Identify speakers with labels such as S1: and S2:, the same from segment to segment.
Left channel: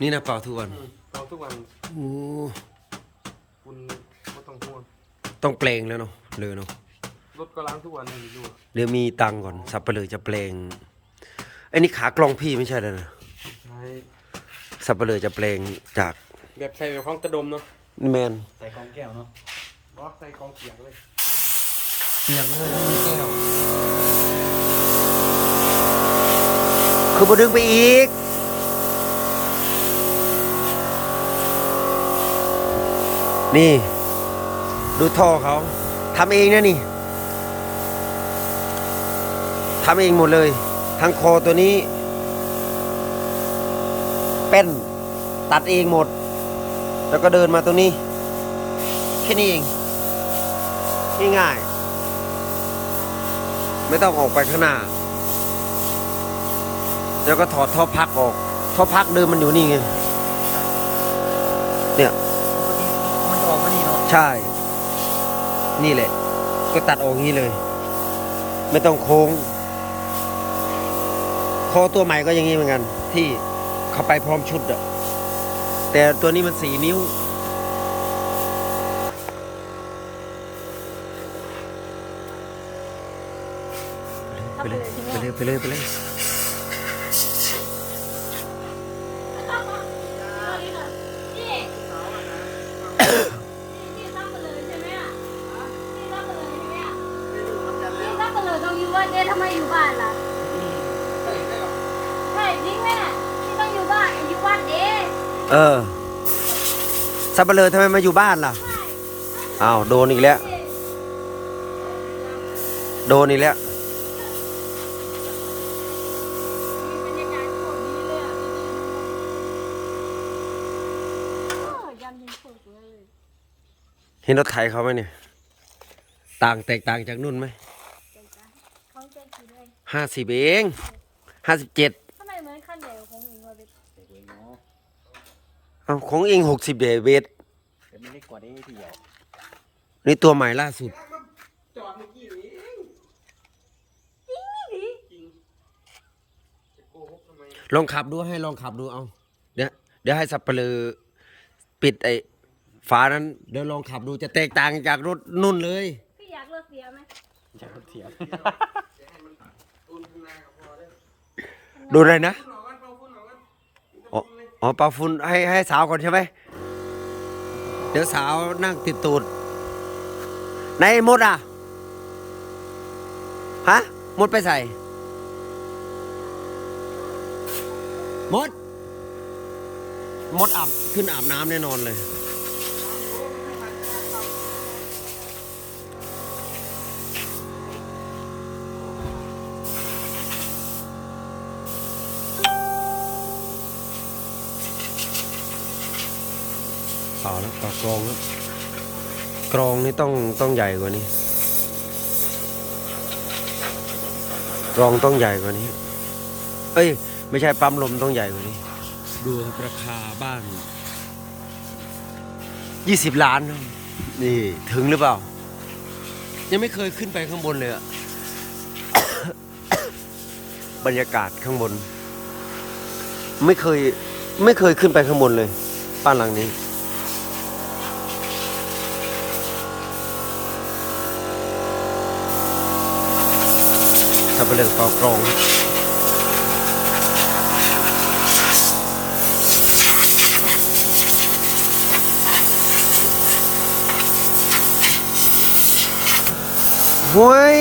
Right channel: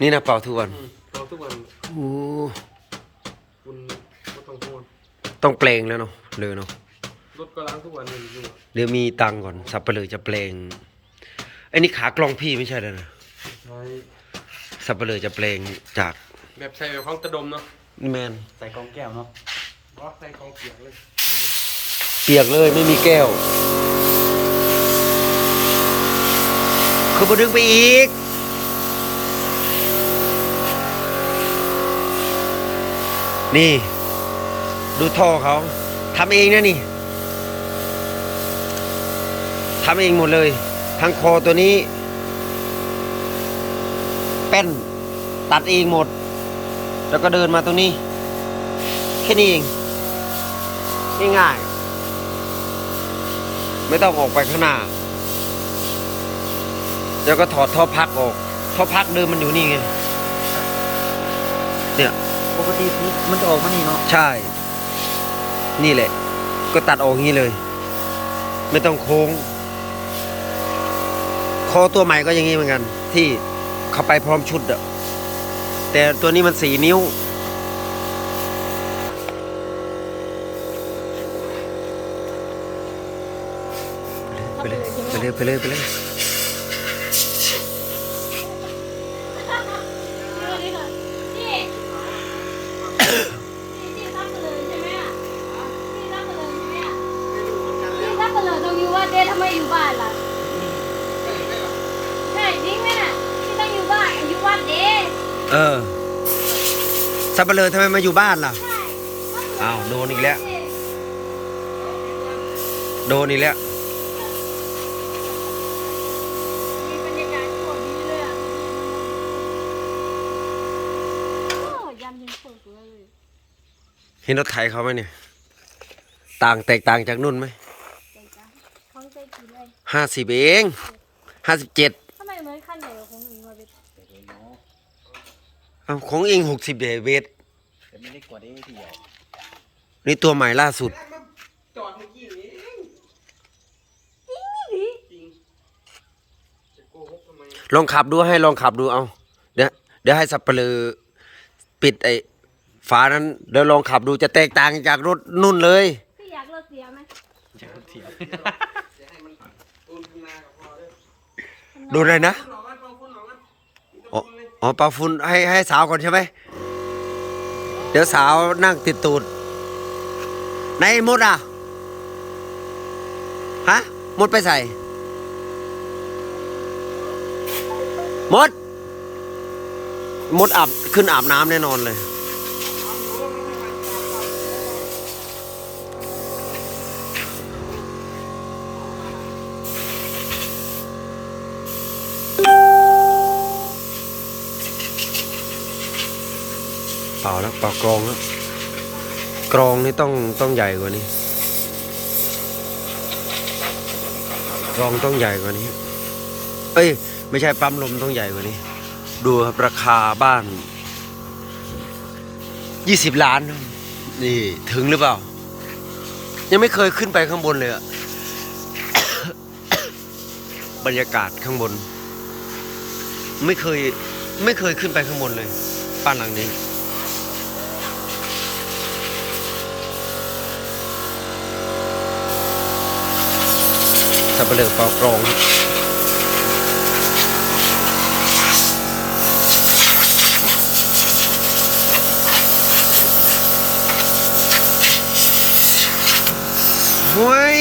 S1: นี่นะเป่าทุกวัน
S2: อืมเราทุกวัน
S1: โอ้
S2: คุณก็ต้องห่วง
S1: ต้องแปลงแล้วเนาะเลยเนาะ
S2: รถก็ล้างทุกวันอยู่อยู่
S1: เดี๋ยวมีตังค์ก่อนสับไปเลยจะแปลงไอ้นี่ขากลองพี่ไม่ใช่เลยนะ
S2: ใช้
S1: สับไปเลยจะแปลงจาก
S2: แบบใส่แบบของตะดมเนาะ
S1: แมน
S3: ใส่กองแก้วเนาะ
S2: บอสใส่ของเปียกเลย
S1: เปียกเลยไม่มีแก้ว คือบดึงไปอีก นี่ ดูท่อเขาทำเองนะนี่ทำเองหมดเลย ทั้งคอตัวนี้แป้นตัดเองหมด แล้วก็เดินมาตรงนี้ แค่นี้เองง่ายๆไม่ต้องออกไปข้างหน้า แล้วก็ถอดท่อพักออก ท่อพักเดิมมันอยู่นี่ไงเนี่ย
S3: ปกติมันจะออกมานี่เนาะ
S1: ใช่ นี่แหละ ก็ตัดออกงี้เลย ไม่ต้องโค้ง คอตัวใหม่ก็อย่างนี้เหมือนกัน ที่เขาไปพร้อมชุดอะแต่ตัวนี้มันสี่นิ้ว ไปเลยไปเลยไปเลยไปเลย
S4: เออ
S1: สับเปลือทำไมมาอยู่บ้านล่ะ
S4: ใช่
S1: อ้าวโดนอีกแล้ว โดนอีกแล้ว
S4: มีบรรยากาศโคตรดีเลยอะโอ้ยันยังสวยเลย
S1: เห็นรถไถเขาไหมเนี่ย ต่างแตกต่างจากนุ่นไหม
S4: เขาใจกี่เลย
S1: ห้าสิบเองห้าสิบเจ็ด
S4: ทำไมเหมือนขั้นเดียวของหนูวะเบ็ด
S1: เอาของเองหกสิบเดเวท
S3: แต่ไม่ได้กว่านี้ที่ใหญ่
S1: นี่ตัวใหม่ล่าสุด
S2: จอดเมื่อกี้นี้เองจริงจะโกหกทำไม
S1: ลองขับดูให้ลองขับดูเอา เดี๋ยวเดี๋ยวให้สับเปลือปิดไอ้ฝานั้นเดี๋ยวลองขับดูจะแตกต่างจากรถนุ่นเลย
S4: พี่อยากเลิกเสียไหม
S3: เสีย
S2: จะให้มันอุ่นข้างหน้ากับพอเด้อ
S1: ดูเลยนะ
S2: ฝุ่ อ๋อเอ๋อ
S1: ปลาฝุ่นให้ให้สาวก่อนใช่ไหม เดี๋ยวสาวนั่งติดตูดไหนมดอะ ฮะ มดไปใส่ มด มดอาบขึ้นอาบน้ำแน่นอนเลย ล่าแล้วเปล่ากรองแล้วกรองนี่ต้องต้องใหญ่กว่านี้กรองต้องใหญ่กว่านี้ เอ้ย ไม่ใช่ปั๊มลมต้องใหญ่กว่านี้ ดูครับราคาบ้านยี่สิบล้านครับนี่ถึงหรือเปล่า ยังไม่เคยขึ้นไปข้างบนเลยอะบรรยากาศข้างบน ไม่เคยไม่เคยขึ้นไปข้างบนเลยบ้านหลังนี้ สับเปลือกเป่ากรองเฮ้ย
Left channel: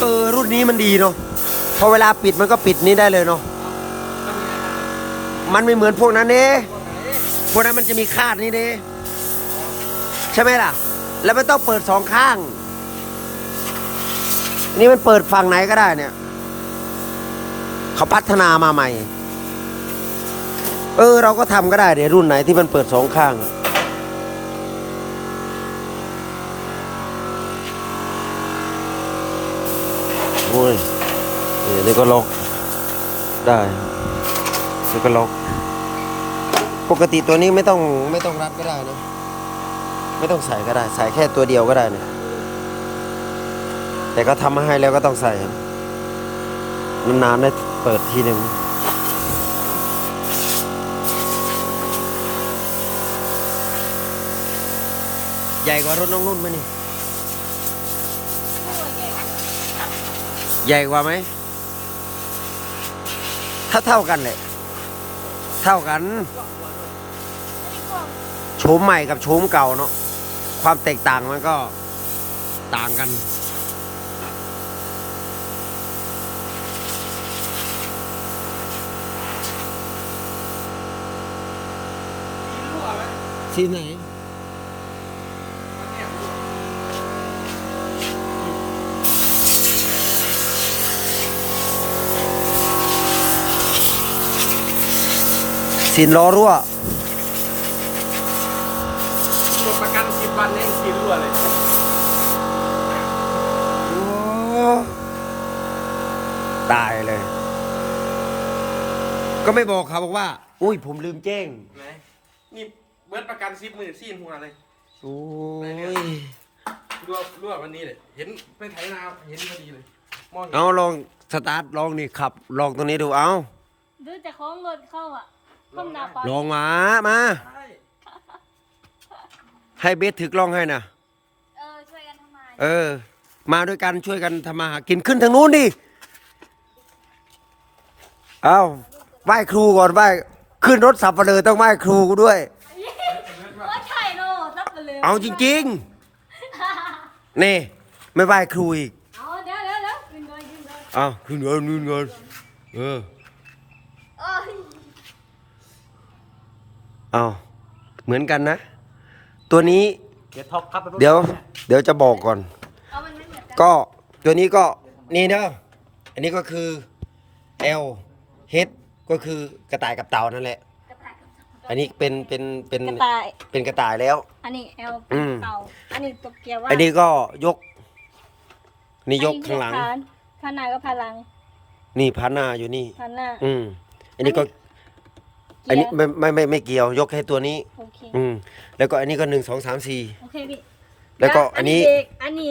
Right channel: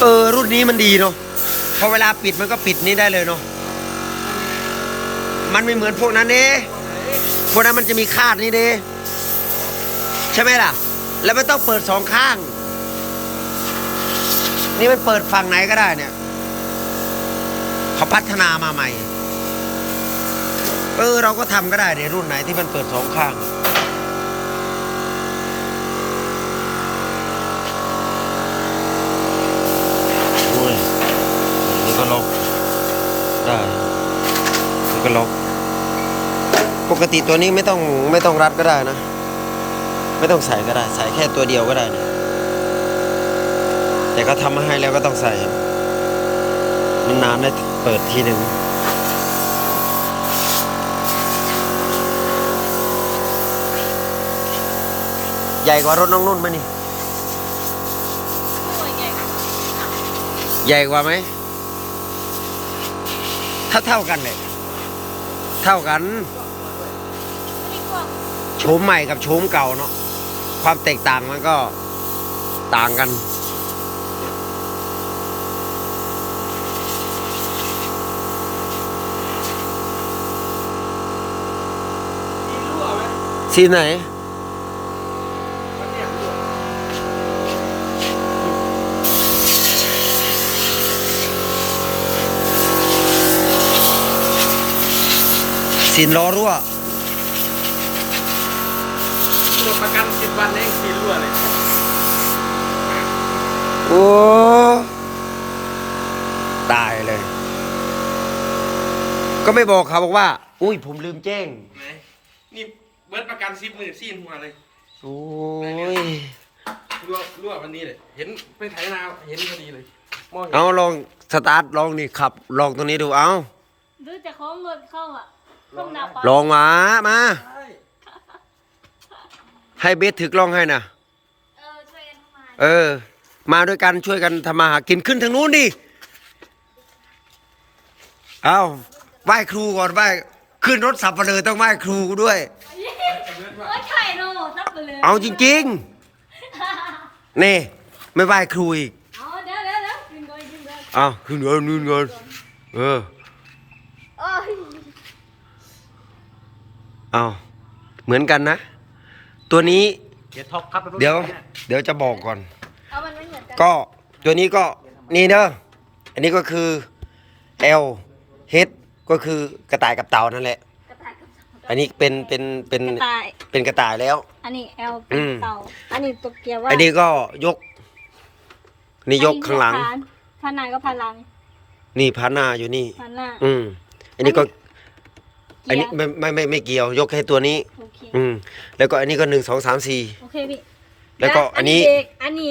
S1: เออ รุ่นนี้มันดีเนาะพอเวลาปิดมันก็ปิดนี้ได้เลยเนาะมันไม่เหมือนพวกนั้นเด้พวกนั้นมันจะมีคาดนี่เด้ใช่ไหมล่ะ แล้วไมันต้องเปิดสองข้าง นี่มันเปิดฝั่งไหนก็ได้เนี่ยเขาพัฒนามาใหม่ เออ เราก็ทำก็ได้เดี๋ยวรุ่นไหนที่มันเปิดสองข้าง โอ้ยนี่ก็ล็อกได้แล้วก็ล็อก ปกติตัวนี้ไม่ต้องไม่ต้องรัดก็ได้นะ ไม่ต้องใส่ก็ได้ ใส่แค่ตัวเดียวก็ได้นะแต่ก็ทำมาให้แล้วก็ต้องใส่ครับมันนานได้เปิดทีหนึ่งใหญ่กว่ารถน้องนุ่นไหมนี่ ใหญ่กว่าไหม เท่าเท่ากันเลย เท่ากัน โฉมใหม่กับโฉมเก่าเนาะ ความแตกต่างมันก็ต่างกัน
S2: มีรั่วไหม
S1: สีไห
S2: นเนี้ยรั่ว
S1: สินล้อรั่ว
S2: หมดประกันสิบวันเองกินรั่วเลย
S1: โอ้ตายเลย ก็ไม่บอกเขาบอกว่า อุ้ยผมลืมแจ้ง
S2: ไหนนี่เบิร์ดประกันสิบหมื่นซีนหัวเลย
S1: โอ้ย
S2: รั่วรั่ววันนี้เลยเห็นไปไถนาเห็นพอดีเลยมองเห็น
S1: เอาลองสตาร์ทลองนี่ขับลองตรงนี้ดูเอา
S4: ดูจะคล้องเงินเข้าอะขึ้นดับ
S1: ลองมามา
S2: ใช่
S1: ให้เบสถือกล้องให้นะ
S4: เออช่วยกันทำไม
S1: เออ มาด้วยกันช่วยกันทำมาหากินขึ้นทางนู้นดิเอาไหว้ครูก่อนไหว้ขึ้นรถสับปะเลอต้องไหว้ครูด้วย
S4: โอ้ยไข่โน่ซับไปเลย
S1: เอาจริงๆนี่ไม่ไหว้ครูอีก
S4: เอาเดี๋ยวเดี๋ยวเดี๋ยวกินก่อนกินก่อน
S1: เอาขึ้นเงินนู่นเงินเออ
S4: โอ้ย
S1: เอาเหมือนกันนะ ตัวนี้
S3: เกียร์ท็อปครับ
S1: เดี๋ยว เดี๋ยวจะบอกก่อน
S4: เอามันไม่เหมือนกัน
S1: ก็ตัวนี้ก็นี่เด้ออันนี้ก็คือ L H ก็คือกระต่ายกับเต่านั่นแหละ
S4: กระต่ายกับ
S1: อันนี้เป็นเป็นเป็น
S4: กระต่าย
S1: เป็นกระต่ายแล้ว
S4: อันนี้เอล
S1: อืม
S4: เต่า อันนี้ตัวเกียร์ว่า
S1: อันนี้ก็ยก นี่ยกข้างหลัง
S4: พันหน้าก็พันหลัง
S1: นี่พันหน้าอยู่นี่
S4: พันหน้า
S1: อืม อันนี้ก็ อัน
S4: เกี
S1: นี้
S4: ยร์
S1: ไม่ไม่ไม่ไม่เกี่ยวยกแค่ตัวนี้
S4: โอเค
S1: อืม แล้วก็อันนี้ก็หนึ่งสองสามสี่
S4: โอเคพี่
S1: แล้วก็อันนี้
S4: เบรกอันนี้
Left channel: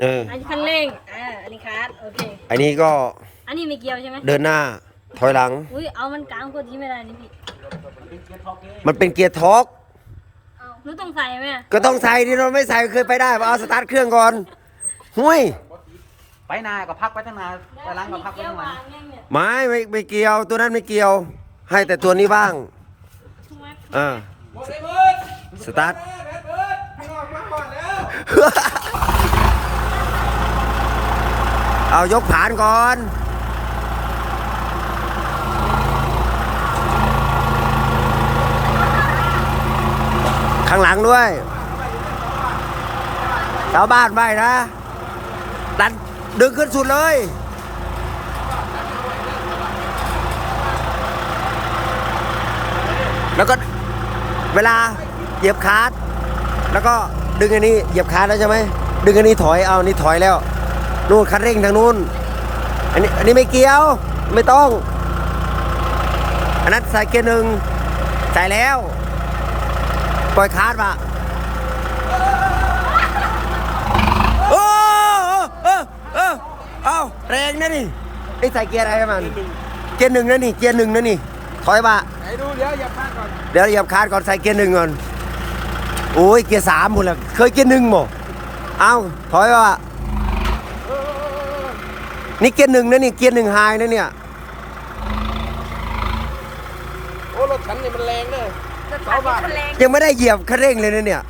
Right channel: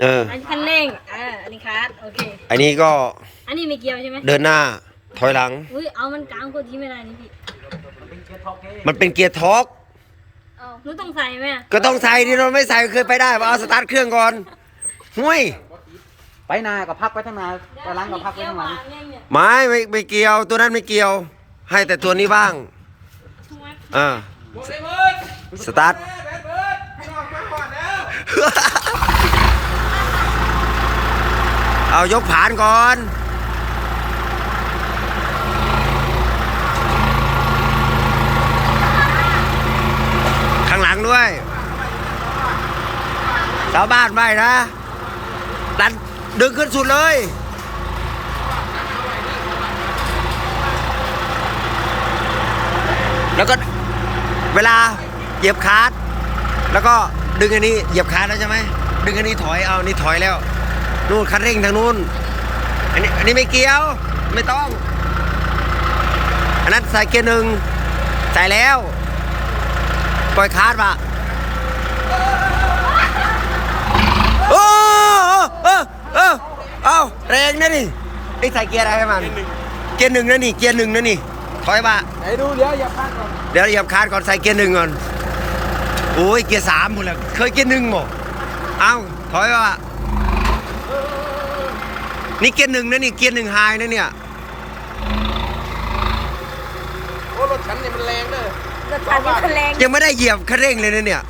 S1: เออ
S4: อันนี้คันเร่งอ่าอันนี้คลัตช์โอเค
S1: อันนี้ก็
S4: อันนี้ไม่เกี่ยวใช่ไหม
S1: เดินหน้าถอยหลัง
S4: อุ้ยเอามันกลางกดที่ไม่ได้นี่พี่
S3: เป็นเกียร์ท็อปเก้
S1: มันเป็นเกียร์ทอร์ก
S4: เอาหนูต้องใส่ไหมอะ
S1: ก็ต้องใส่ที่เราไม่ใส่เคยไปได้ว่าเอาสตาร์ทเครื่องก่อนหุย
S3: ไปนากับพักไปทั้งนาไปล้างกับพักไป
S4: เกี่ยว
S3: ทั้ง
S4: วา
S3: นา
S4: งยังเนี่ย
S1: ไม่ไม่ไม่เกี่ยวตัวนั้นไม่เกี่ยว ให้แต่ตัวนี้บ้าง
S4: ถูกไหม
S1: อ่า
S2: บอกไอ้เบิร์ด
S1: สตาร์ท
S2: แม่เบิร์ดไม่ออกมาก่อนแล้ว
S1: เอายกผานก่อนข้างหลังด้วยชาวบ้านไม่นะดันดึงขึ้นสุดเลย แล้วก็ เวลาเหยียบคาร์ดแล้วก็ดึงอันนี้เหยียบคาร์ดแล้วใช่ไหมดึงอันนี้ถอยเอานนี้ถอยแล้วนู่นคันเร่งทางนู้นอันนี้อันนี้ไม่เกี่ยวไม่ต้อง อันนั้นใส่เกียร์หนึ่งใส่แล้ว ปล่อยคาร์ดปะโอ้เออเออเอาแรงนะนี่ไอ้ใส่เกียร์อะไรให้มันเกียร์หนึ่งนะนี่เกียร์หนึ่งนะนี่ ถอยมา
S2: ไอ้ดูเดี๋ยวอย่าพลาดก่อน
S1: เดี๋ยวเหยียบคาร์ดก่อนใส่เกียร์หนึ่งก่อนโอ้ยเกียร์สามหมดแล้วเคยเกียร์หนึ่งหมดเอาถอยว่านี่เกียร์หนึ่งนะนี่เกียร์หนึ่งไฮนะเนี่ย
S2: โอ้รถฉันเนี่ยมันแรงเลย
S4: อันนี้คันแรง
S1: ยังไม่ได้เหยียบคันเร่งเลยนะเนี่ย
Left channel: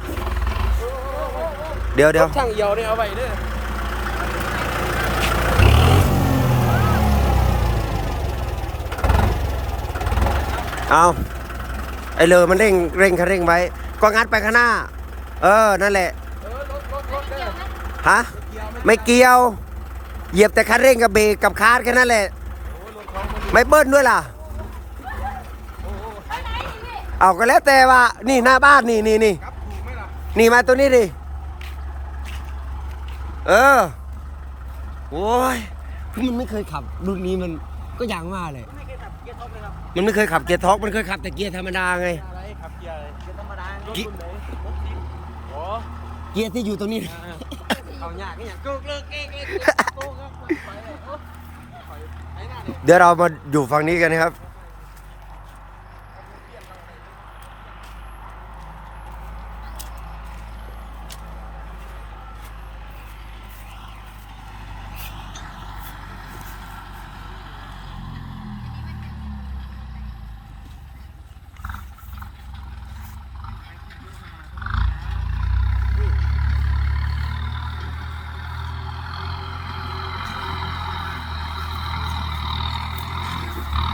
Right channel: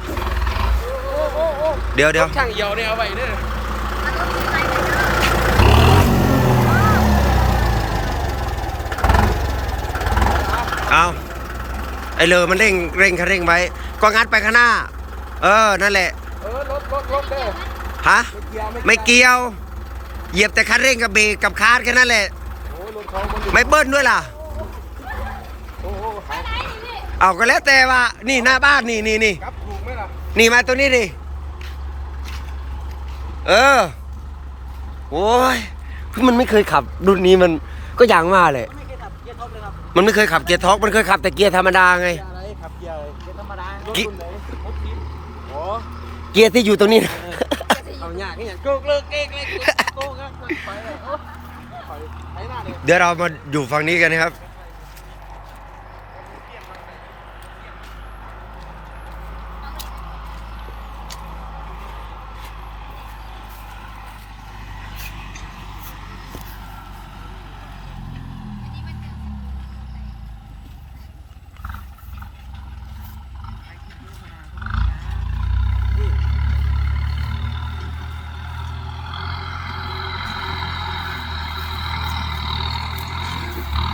S1: เดี๋ยวเดี๋ยว
S2: ช่างเหี่ยวเนี่ยเอาไปเนี่ย
S1: เอาไอเลอมันเร่งเร่งคันเร่งไว้ ก็งัดไปข้างหน้า เออ นั่นแหละ ฮะ ไม่เกี่ยว เหยียบแต่คันเร่งกับเบรกกับคาร์ดแค่นั้นแหละ ไม่เบิ้ลด้วยล่ะ เอาก็แล้วแต่ว่า นี่หน้าบ้านนี่นี่นี่ นี่มาตัวนี้ดิ เออ โอ้ยคือมันไม่เคยขับรุ่นนี้มันก็ย่างว่าเลย
S3: มั
S1: นไม่เคยขับเกียร์ท็อกมันเคยขับแต่เกียร์ธรรมดาไง
S3: อะไรขับเกียร์เกียร์ธรรมดารถ
S1: กิ
S3: คุณหมอรถทีมโอ้
S1: เกียร์ที่อยู่ตรงนี้
S3: เอายากนี่อย่างโกกเลิกเก๊กเลิกโกกครับไปโอ้ไปหน้าเลย
S1: เดี๋ยวเรามาอยู่ฝั่งนี้กันนะครับ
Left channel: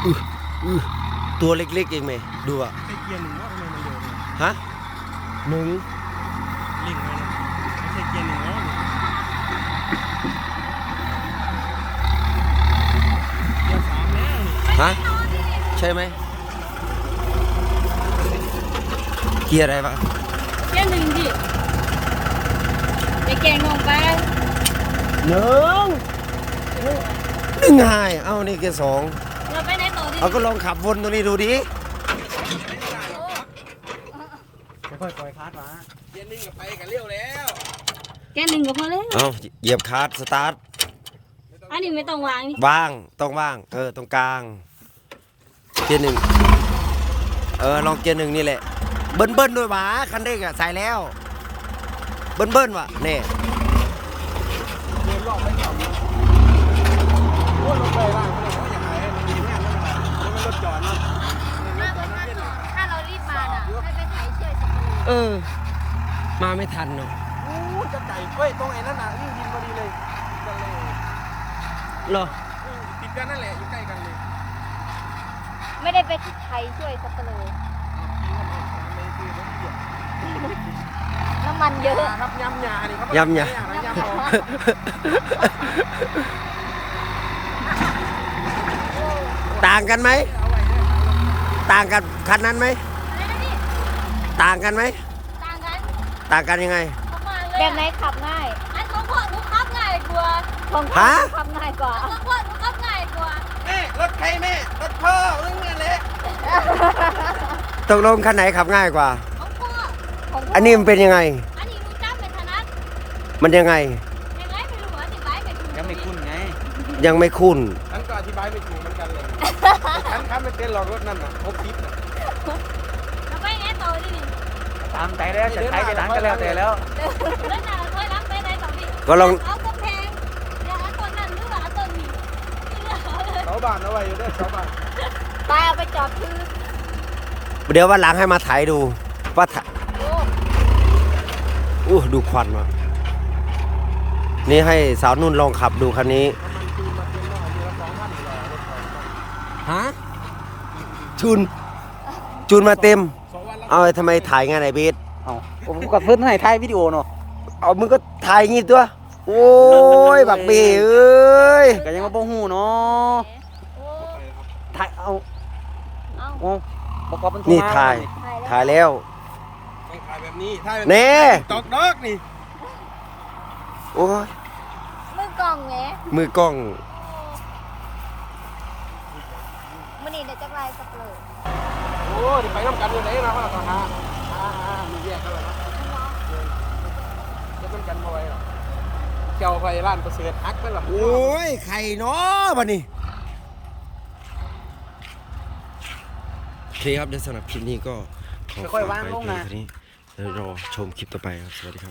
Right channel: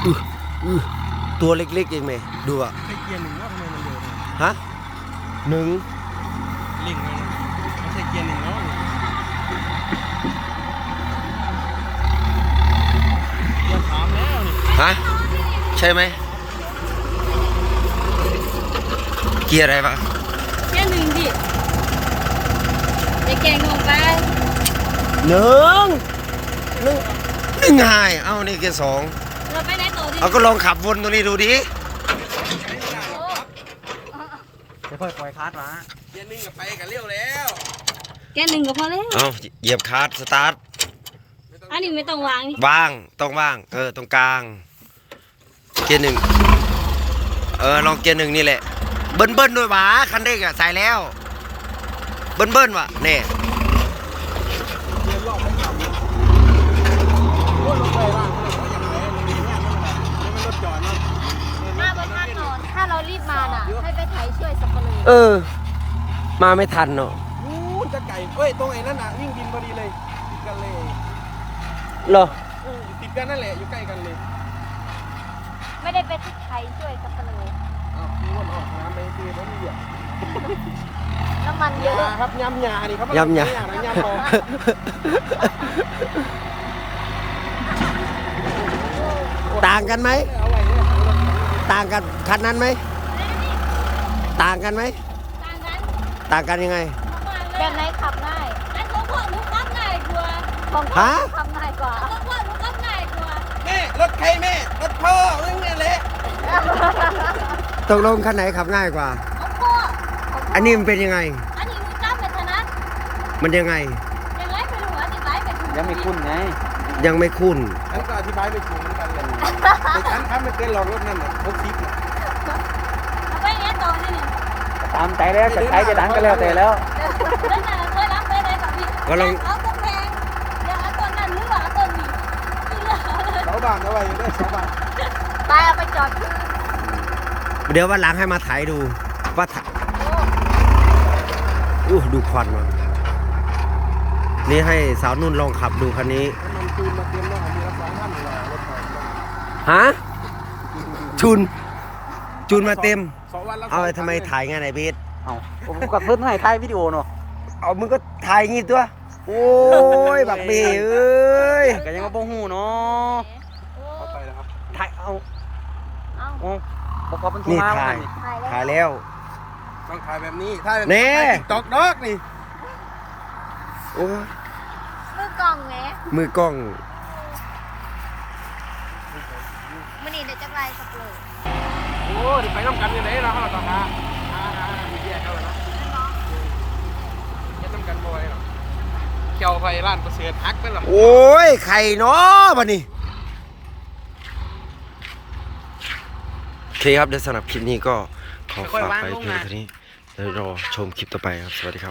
S1: อื้ออื้อ ตัวเล็กๆเองไหมดูอะ
S2: ใช้เกียร์หนึ่งแล้วทำไมมันเร็วจัง
S1: ฮะหนึ่ง
S2: เร่งเลยไม่ใช่เกียร์หนึ่งแล้วเกียร์สามแล้วนี่
S1: ฮะใช่ไหมเกียร์อะไรวะ
S4: แค่หนึ่งดิไอ้แกงนองไป
S1: หนึ่งหนึ่งหนึ่งหายเอ้านี่เกียร์สอง
S4: เราไปไหนต่อดิ
S1: เอาก็ลองขับวนตรงนี้ดูดิ
S3: ไปเปิดปล่อยคาร์ดมา
S2: เกียร์หนึ่งกับไปกันเร็วแล้ว
S4: แกหนึ่งก็พอแล้ว
S1: เอาเหยียบคลัสสตาร์ท
S4: อันนี้ไม่ต้องวางนี่
S1: ว่างต้องว่าง เออตรงกลาง เกียร์หนึ่งเออลองเกียร์หนึ่งนี่แหละ เบิ้ลเบิ้ลด้วยหวะคันเร่งอะใส่แล้ว เบิ้ลเบิ้ลว่ะเนี่ย
S4: ถ้าเราถ้าเรารีบมาน่ะไม่ไปถ่ายช่วยสักคน
S1: เออ มาไม่ทันเนาะ
S2: อู้จะไก่เว้ยตรงไอ้นั่นน่ะวิ่งบินพอดีเลยติดกันเลย
S1: เหรอ
S2: อู้ติดกันนั่นแหละอยู่ใกล้กันเลย
S4: ไม่ได้ไปที่ถ่ายช่วยสักคนน้ำมันเยอะ
S2: ครับยำยาดิครับ
S1: ยำยา ต่างกันไหม ต่างกันคันนั้นไหม
S4: อะไรนะพี่
S1: ต่างกันไหม
S4: ต่างกัน
S1: ต่างกันยังไง
S4: ประมาณเลยแบบไหนขับง่ายไอ้ของพวกหนูขับง่ายกว่า
S1: ฮะ
S4: ขับง่ายกว่าของพวกหนูขับง่ายกว่า
S2: แม่รถใครแม่รถพ่อเรื่องนี้แหละ
S1: ตกลงคันไหนขับง่ายกว่า
S4: ของพวก
S1: อันนี้มันเป็นยังไง
S4: อันนี้หนูจำไม่ถนัด
S1: มันยังไง
S4: ยังไงไม่รู้อธิบายไม่ถูก
S3: ยังไม่คุ้นไง
S1: ยังไม่คุ้นา
S3: มใจแล้วจะใช้จะดังกันแล้วแต่แล้ว
S4: เล่นหนาเคยรับเคยได้ต่อพี่
S1: ก็ลอง
S4: เอาต้นแพงเดี๋ยวเอาต้นนั้นหรือว่าเอาต้นนี้ที่เหลือ
S2: เอาบ้านเอาไว้ด้วยเอาบ้าน
S4: ไปเอาไปจอดที่
S1: เดี๋ยววันหลังให้มาถ่ายดูว่าถ่ายอู้ดูควันมานี่ให้สาวนุ่นลองขับดูคันนี้ ฮะ ชุนชุนมาเต็ม
S2: สองวันแล้ว
S1: เอาไอ้ทำไมถ่ายงานไอ้เบส
S3: เอา ผมก็เพิ่นให้ถ่ายวิดีโอเนาะ
S1: เอามึงก็ถ่ายงี้ตัว โอ้ย บักเบเอ้ย
S3: ก็ยังบ่ฮู้เนาะ
S2: เอาไปแล้วครับ
S3: ถ่ายเอา
S4: เอา
S3: โอ้ประกอบเป็น
S1: นี่ถ่าย ถ่ายแล้ว
S2: ต้องถ่ายแบบนี้ถ่ายแบบ
S1: แน่
S2: ตอกดอกนี่
S1: โอ้ย
S4: มือกล่องแหม
S1: มือกล้อง
S4: มื่อนี้ได้จักไรสักเลย
S2: โอ้ยไปต้องกันยังไงเราไปต้องกันบ่อย เกี่ยวไปร้านประเสริฐฮักกันหรอ
S1: โอ้ยไข่เนาะบันนี้โอเคครับเดี๋ยวสำหรับคลิปนี้ก็ขอฝากไปเพียงเท่านี้เดี๋ยวรอชมคลิปต่อไปครับ สวัสดีครับ